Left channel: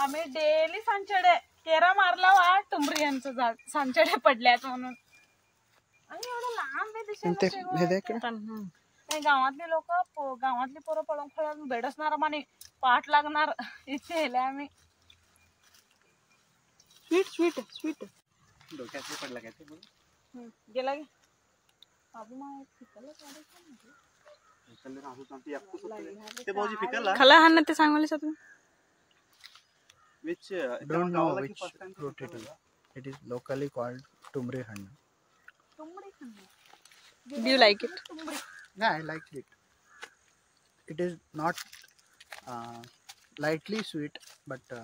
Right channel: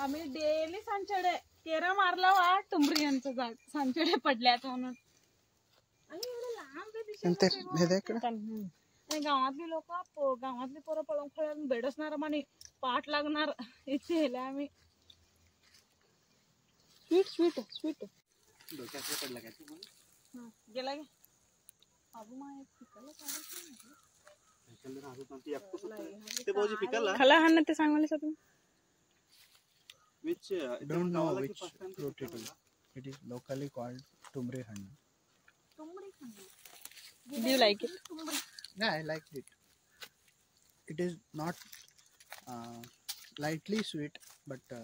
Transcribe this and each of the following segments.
आम्ही डेली सांचडे केरा मारला वा टुंबरी यांचं झाड सांचडे पडल्यात म्हणून. आणि एवढं लांब आहे दिशेला. आणि गावातली लोक गावातली पोरं पळून खेळून बेडसणार आणि पाठ लागणार इथे येले आम्ही. स्वीट स्वीट स्वीट गेला गे बाबू माय खाला हा ना ते सांगलीस तुम्ही. Which don't know which fruit it is. It is locally called tumri hannu. Do you like it? Yeah, I like it. It is not lightly sweet, but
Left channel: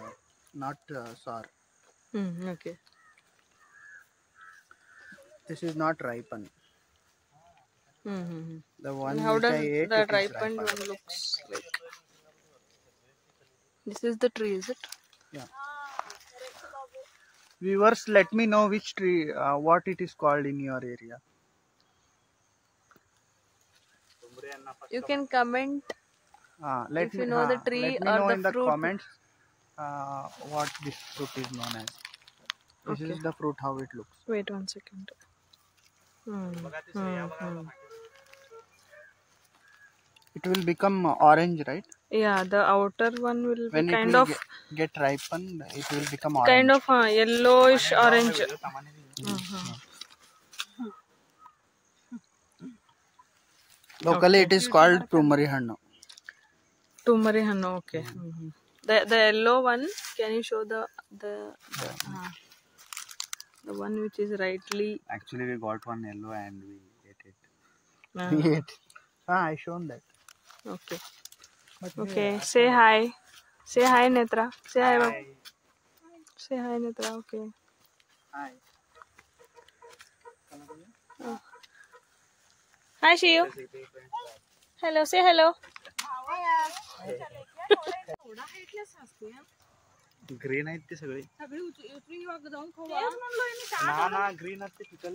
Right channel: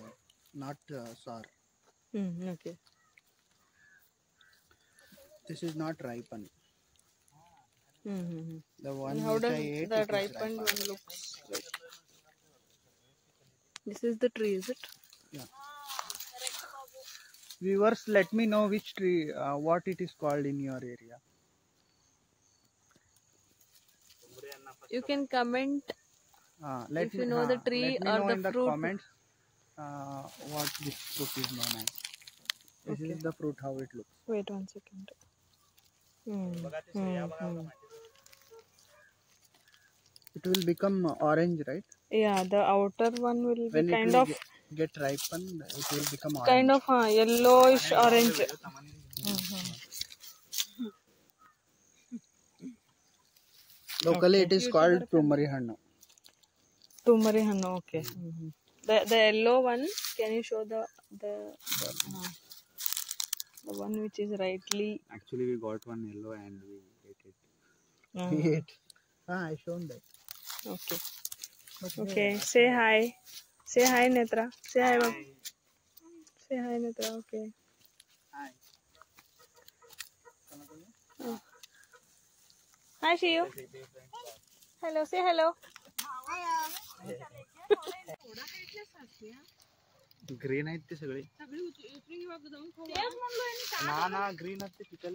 not sour. Okay. This is not ripened. The one How which does I ate, the it is ripened one looks like? This is the tree, is it? Yeah. Viewers, let me know which tree, what it is called in your area. You can comment Let if me you know the tree let me or know the in the fruit. comments what this fruit is known as. This is the fruit, how it looks. Wait 1 second. It will become orange, right? Yeah, the outer one will When be it kind will of get ripened, it will become orange. kind of yellowish orange. Locally, it is called tumari hannu. Tumari hannu, okay. The yellow one, can you show the one which is rightly? Actually, we got one yellow and we ate it. We ate. I shown that. Okay. Okay. Say hi. Say hi, Netra. Say hi. Say hi, Netra. Okay. Hi. Hi, Shiu. Hello. Say hello. Green आहेत ते सगळे. जाऊन ना green आहेत ते pickle.